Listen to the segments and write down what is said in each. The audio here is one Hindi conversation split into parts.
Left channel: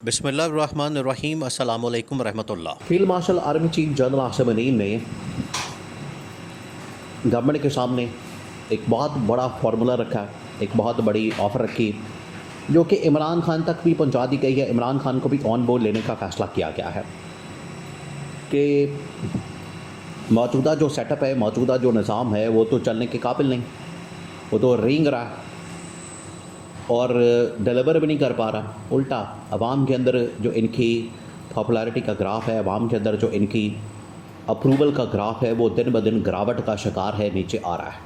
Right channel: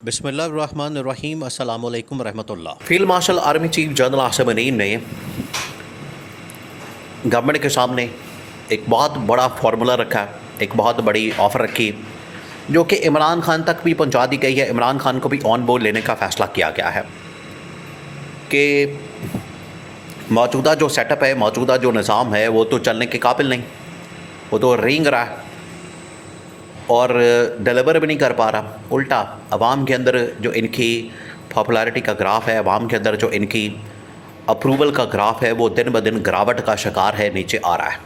बिस्मिल्लाहिर्रहमानिर्रहीम अस्सलाम वालेकुम रहमतुल्लाह। Field marshal army chief general Asim Munir ने गवर्नमेंट के सामने एक बहुत बड़ा फार्मूला रखा, एक बहुत बड़ी ऑफ़र रखी जो कि इमरान खान तक भी पहुंचा दी गई है। इमरान खान को भी ऑन बोर्ड लेने का फ़ैसला किया गया है कि मौजूदा जो सेटअप है, मौजूदा जो निज़ाम है, वो तो चलने के काबिल नहीं, वो तो रेंग रहा है और डिलीवर भी नहीं कर पा रहा। उल्टा अवाम के अंदर जो इनकी पॉपुलैरिटी का ग्राफ है, अवाम के अंदर जो इनकी अप्रूवल का ग्राफ है, वो दिन ब दिन गिरावट का शिकार है, नीचे आ रहा है।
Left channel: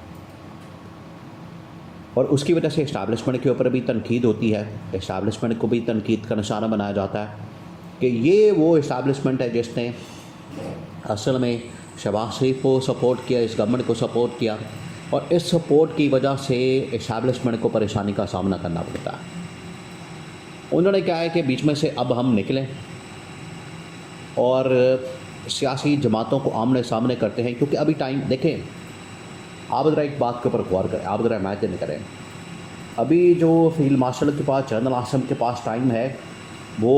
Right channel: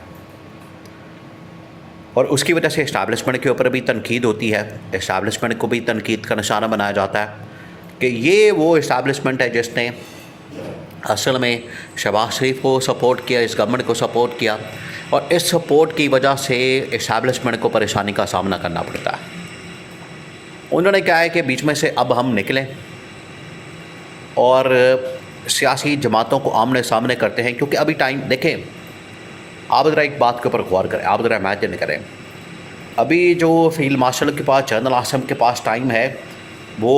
और उसकी वजह से इस्टेब्लिशमेंट के ऊपर भी तनकीद होती है, इस्टेब्लिशमेंट को भी तनकीद का निशाना बनाया जाता है कि ये वो इस्टेब्लिशमेंट है जिसने असल में शहबाज शरीफ को सपोर्ट किया, इस गवर्नमेंट को सपोर्ट किया, और इस सपोर्ट की वजह से इस्टेब्लिशमेंट को परेशानी का सामना करना पड़ता है। उन्होंने कहा है कि बीच में से अब हम निकलें और सियासी जमातों को आमने सामने करते हैं, क्योंकि अभी टाइम देखें, आप ज़रा एक बात के ऊपर गौर करें, आप ज़रा इमेजिन करें, अभी जो फील्ड मार्शल के पास, जनरल आसिम के पास टाइम है वो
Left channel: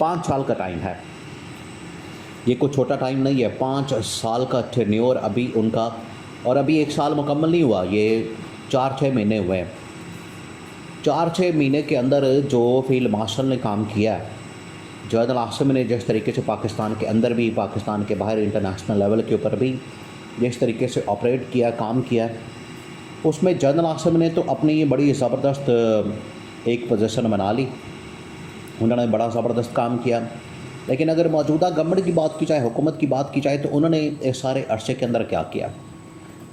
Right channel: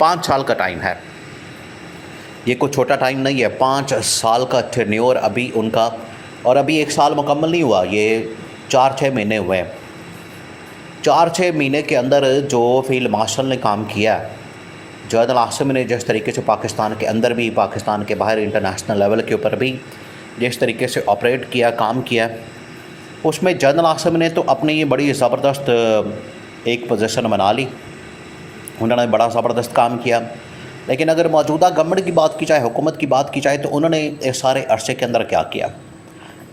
5 साल का टाइम है। ये कोई छोटा टाइम नहीं है, 5 साल का टेन्योर अभी उनका, और अभी 1 साल मुकम्मल नहीं हुआ, ये 4-6 महीने हुए हैं। 4-6 महीने के अंदर जो फील्ड मार्शल ने काम किया है, जनरल आसिम ने जिस तरीके से पाकिस्तान के अंदर भी, पाकिस्तान के बाहर, इंटरनेशनल लेवल के ऊपर भी जिस तरीके से ऑपरेट किया, काम किया, उसमें जनरल आसिम ने तो अपनी ये बड़ी ज़बरदस्त एक पोजीशन बना ली, उन्होंने बड़ा ज़बरदस्त काम किया। लेकिन अगर मौजूदा गवर्नमेंट की बात की जाए, हुकूमत की बात की जाए, तो उन्होंने इस सारे अरसे के अंदर क्या किया।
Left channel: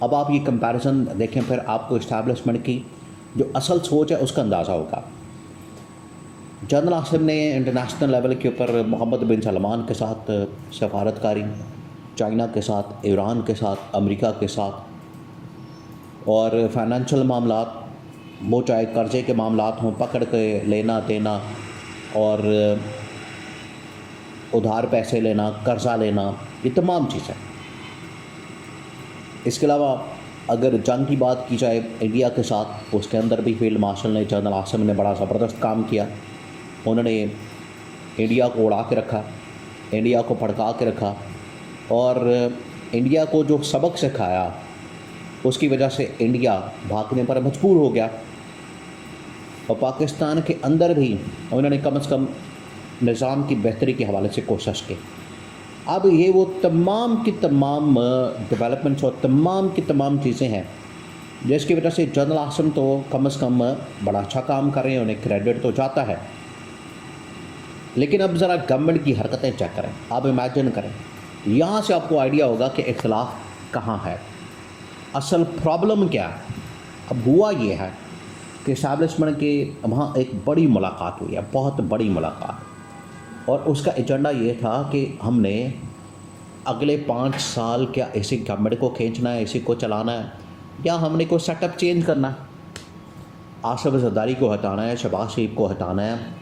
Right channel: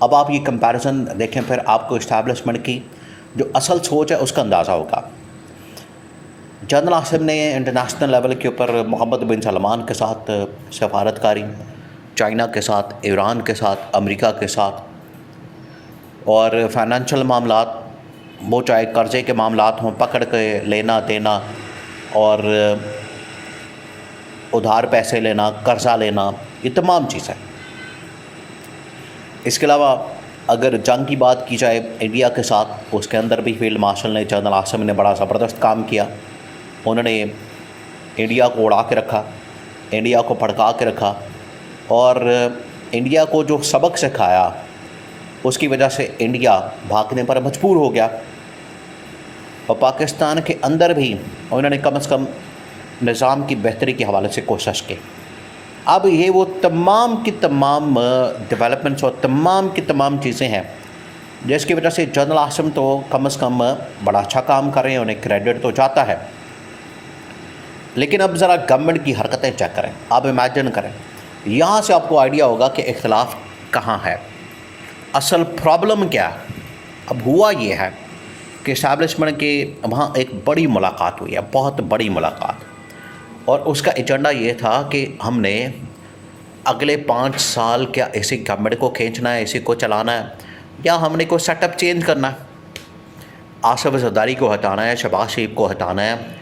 अब आप ये कंपैरिजन देखें, फिर आपको इस्टेब्लिशमेंट की जो असल सोच है उसका अंदाज़ा होगा। जनरल आसिम ने इंटरनेशनल लेवल के ऊपर मोहम्मद बिन सलमान के साथ सफारतकारी, चाइना के साथ, ईरान के साथ, अमेरिका के साथ, और फाइनेंशियल मामलात, वो चाहे कर्ज़े के मामलात हों, पकड़ के लेना देना और उधार पैसे लेना, कर्ज़ा लेना, ये तमाम चीज़ें। इसके अलावा अगर जंग की बात की जाए इंडिया के साथ, उसके अंदर भी फील्ड मार्शल ने, जनरल आसिम ने बड़ा ज़बरदस्त काम किया। उन्होंने इंडिया को उड़ा के रखा, इंडिया को भड़का के रखा, और इंडिया को जो सबक सिखाया उसकी वजह से इंडिया भागने पर मजबूर हो गया। और पाकिस्तान के अंदर भी उन्होंने कम से कम निज़ाम की बेहतरी के हवाले से कोशिश की। अब ये वो तमाम की तमाम डेवलपमेंट्स और तमाम की तमाम चीज़ें हैं जिसकी वजह से जनरल आसिम तो कम से कम बड़ा अच्छा काम कर रहे हैं, उन्हें क्रेडिट तो जाता है। लेकिन अब ज़रा गवर्नमेंट की हरकतें चेक करें, आप इमेजिन करें, यहाँ से आपको आइडिया होगा कि इख्तिलाफ कहाँ है, असल प्रॉब्लम क्या है। अब हुआ ये है कि इस्टेब्लिशमेंट के वहाँ एक बड़ी मुलाकात हुई है, बहुत बड़ी मुलाकात, और उसका एजेंडा ये था कि हमने अगले 5 साल क्या इसी गवर्नमेंट को खींचना है, इसी को चलाना है, या हमने कोई सेटअप चेंज करना है, आसिफ ज़रदारी को हटाना है, शहबाज शरीफ को हटाना है,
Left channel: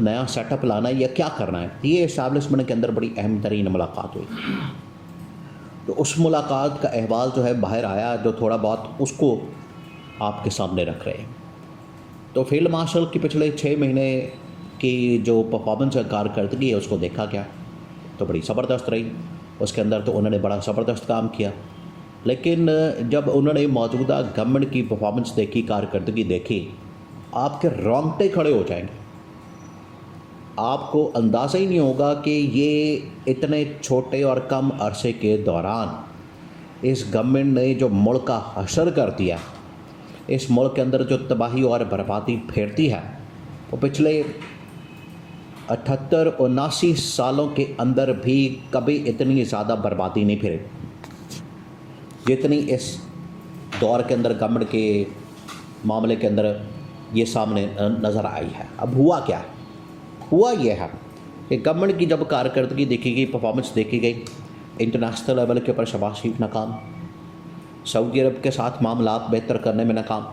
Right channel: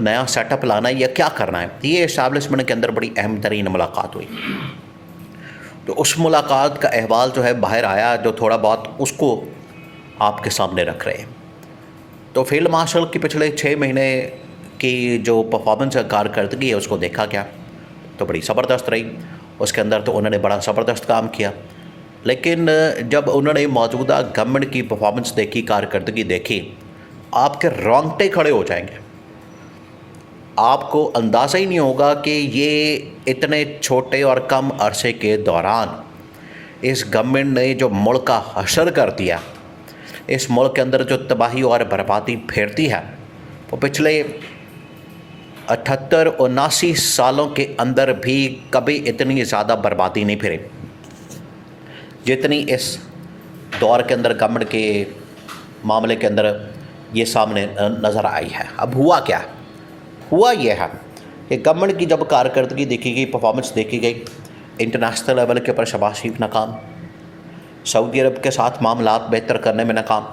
नया सेटअप लाना है, या क्या करना है। ये इस्टेब्लिशमेंट के अंदर बड़ी अहम तरीन मुलाकात हुई। तो उस मुलाकात का अहवाल जो है बाहर आया, जो थोड़ा बहुत उसको आपके सामने रख रहे हैं। तो फील्ड मार्शल की पिछले 6 महीने की जो परफॉर्मेंस कारकर्दगी है उसको देखा गया तो बड़ी ज़बरदस्त रही। उसके अंदर तो उन्होंने बड़ा ज़बरदस्त काम किया। लेकिन जब उन्होंने मौजूदा गवर्नमेंट की परफॉर्मेंस देखी, कारकर्दगी देखी, आपके रोंगटे खड़े हो जाएंगे। आपको अंदाज़ा ही नहीं होगा कि ये इतने छोटे और कम अरसे के दौरान इस गवर्नमेंट ने जो मुल्क का हशर कर दिया, इस मुल्क के अंदर जो तबाही और बर्बादी फेरती है, वो पिछले 78-79 सालों के अंदर भी कभी इतनी ज़्यादा बर्बादी नहीं फिरी जितनी इस दौर के अंदर गवर्नमेंट के मामले के अंदर ये सामने नज़र आई है। अब हुआ क्या? हुआ ये है कि गवर्नमेंट की जब कारकर्दगी देखी गई, परफॉर्मेंस देखी गई, इंटरनेशनल लेवल के ऊपर शहबाज शरीफ नाकाम, सऊदी अरब के साथ मामलात बेहतर करने में नाकाम,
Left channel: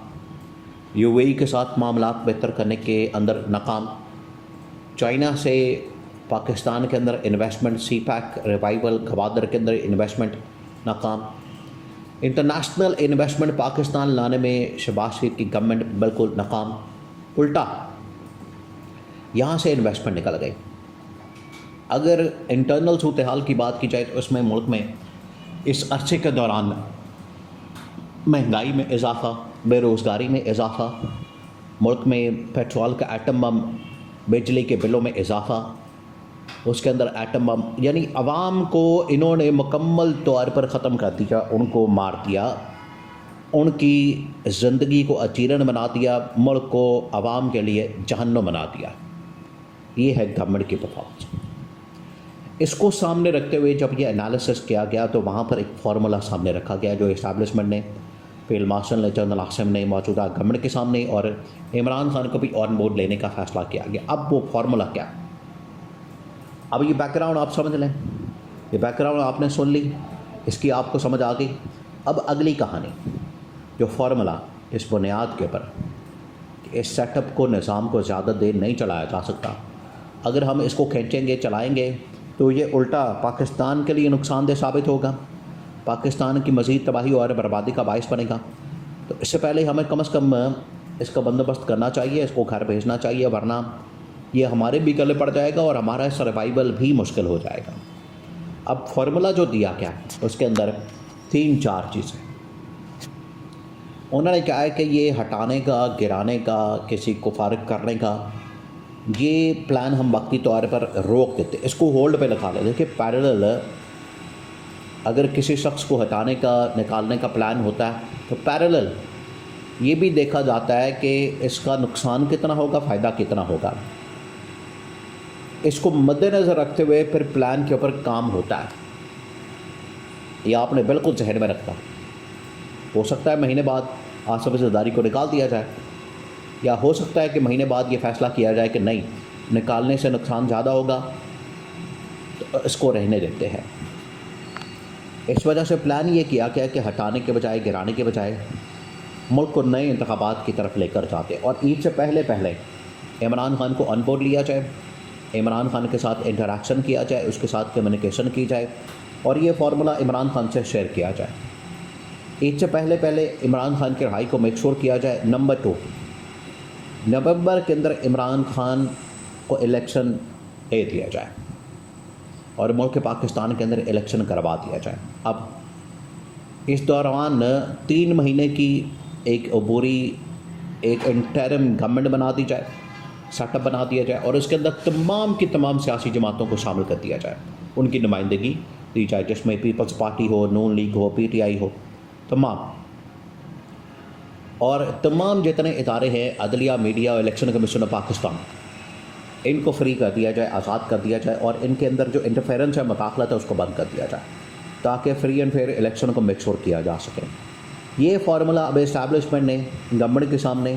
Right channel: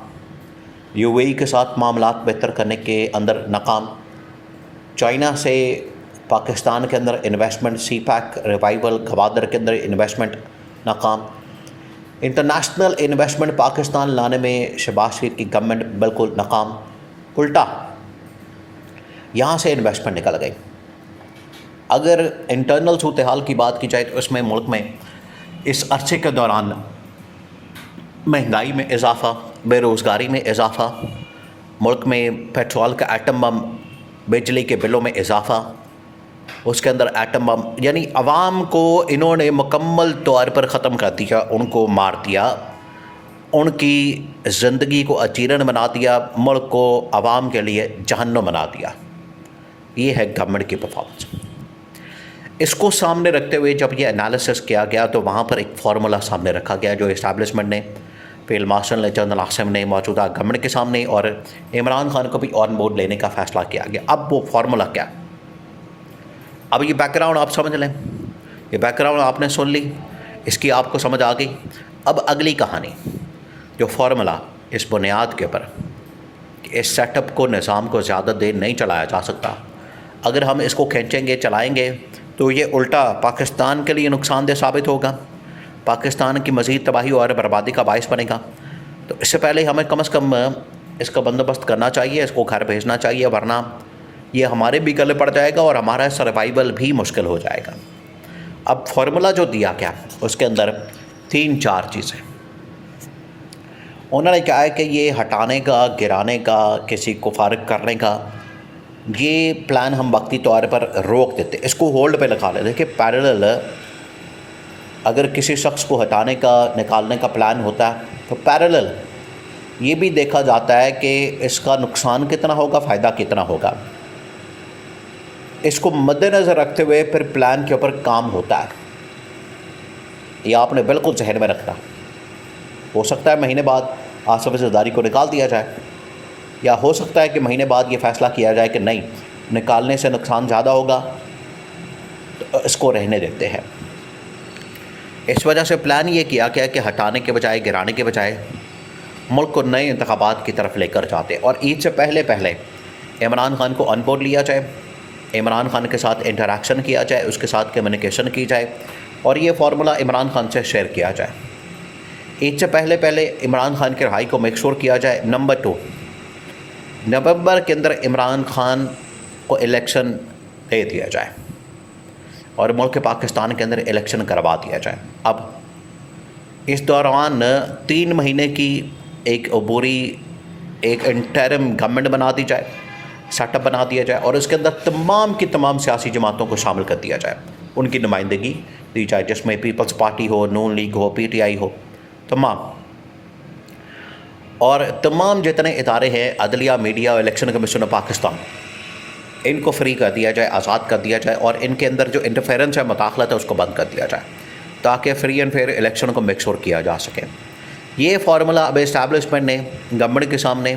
यूएई के साथ मामलात बेहतर करने के अंदर नाकाम, चाइना से पाकिस्तान के अंदर इन्वेस्टमेंट, सी पैक रिवाइवल, गवादर के अंदर इन्वेस्टमेंट नाकाम, इंटरनेशनल इन्वेस्टमेंट पाकिस्तान लाने में शहबाज शरीफ की गवर्नमेंट बिल्कुल नाकाम। उल्टा यहाँ से इन्वेस्टमेंट निकल गई। अगर इंटरनल सूरत हाल की बात की जाए तो इसमें मुल्क में इस अरसे के दौरान महंगाई में इजाफ़ा, बेरोज़गारी में इजाफ़ा, मुल्क में पेट्रोल का एटम बम, बिजली के बिलों में इजाफ़ा, उसके अंदर एटम बम, यानी अवाम को इन्होंने मुकम्मल तौर पर ख़त्म कर दिया, उनको मार दिया, उनकी ज़िंदगी को अजीरन बना दिया, मुल्क को अवाम के लिए जहन्नुम बना दिया। ये है गवर्नमेंट की परफॉर्मेंस। इसको सामने रखते हुए जब ये एनालिसिस किया गया तो वहाँ पर एक फार्मूला सामने रखा गया जो इस्टेब्लिशमेंट ने, फील्ड मार्शल ने, जनरल आसिम ने मौजूदा गवर्नमेंट के सामने और इमरान खान को भी ऑन बोर्ड लेने का फ़ैसला किया गया। अब वो फार्मूला क्या? अब ये बैकग्राउंड आप समझ लें, ये बैकग्राउंड आपने सुन ली, इसकी आपको समझ आ गई। अब अगली कहानी जो फार्मूला इस बुनियाद के ऊपर कि इस सेटअप को, निज़ाम को ज़्यादा देर नहीं चलाया जा सकता, अगर हम इसको खींचेंगे, चलाएँगे तो ये उल्टा पाकिस्तान के लिए नुकसानदेह साबित होगा, पाकिस्तान की मज़ीद तबाही और बर्बादी का बायस बनेगा। तो इससे पहले हमें कम से कम इसका बंदोबस्त करना चाहिए, इसको घर भेजना चाहिए, वरना ये हमारे भी गले पड़ जाएगा और हमारा सर्वाइवल भी मुश्किल हो जाएगा। अब फार्मूला जो दिया गया उसके अंदर 3-4 चीज़ें उन्होंने क्या है कि ये हटाने का, गिराने का, किसी को फारिग करने का, ये प्लान हम वक्ती तौर पर रोक देते, इसको होल्ड पे लगा लेते। देखिए पैरेलल अगर किसी शख्स को हटाने का, निकालने का प्लान होता है तो पैरेलल ये भी देखा जाता है कि इसका नुकसान कितना होगा, फ़ायदा कितना होगा। इसको मद्देनज़र रखते हुए फिर प्लान के ऊपर काम होता है। ये आपने बिल्कुल जहन में रखना। हो सकता है महीने बाद आसिफ ज़रदारी को निकाल दिया जाए, या हो सकता है कि महीने बाद ये फ़ैसला किया जाए कि नहीं, निकालने से नुकसान ज़्यादा होगा तो इसको रहने देते हैं। इस वजह से प्लान ये किया गया कि हटाने के बजाय, गिराने के बजाय मुल्क को नए इंतखाबात की तरफ लेकर जाते और ईद से पहले पहले इमरान खान को ऑन बोर्ड लिया जाए, इमरान खान के साथ इंटरेक्शन किया जाए, उसके साथ कम्युनिकेशन की जाए और ये फार्मूला इमरान खान से शेयर किया जाए। ईद से पहले पहले इमरान खान की रहाई को मेक श्योर किया जाए। नंबर 2, नवंबर के अंदर इमरान खान को इलेक्शन दे दिया जाए और मुल्क पाकिस्तान के अंदर इलेक्शन करवा दिया जाए। अब इस दौरान 3 महीने की एक अबूरी, एक इंटरिम गवर्नमेंट बना दी जाए, सेटअप बना दिया जाए और उसके अंदर तमाम की तमाम सियासी जमातों को शामिल कर दिया जाए, उनकी नुमाइंदगी दी जाए, जिसमें पीपल्स पार्टी हो, नून लीग हो, PTI हो, तमाम और तमाम जितने इदारे हैं, अदलिया, media, election commission of Pakistan, इनको फ्री कर दिया जाए, आज़ाद कर दिया जाए और इनके अंदर जो इंटरफेरेंस है, मुदाखलत है, उसको बंद कर दिया जाए ताकि फ्री एंड फेयर इलेक्शन को मेक श्योर किया जा सके। ये फार्मूला अब इस्टेब्लिशमेंट ने गवर्नमेंट के सामने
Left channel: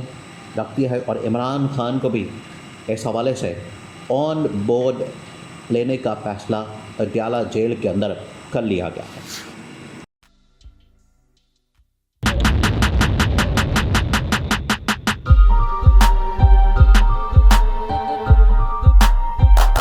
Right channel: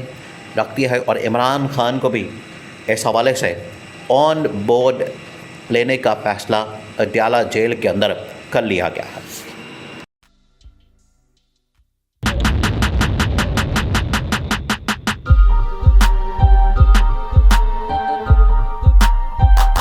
रख दिया है और इमरान खान को भी इस हवाले से ऑन बोर्ड लेने का फ़ैसला अडयाला जेल के अंदर कर लिया गया है।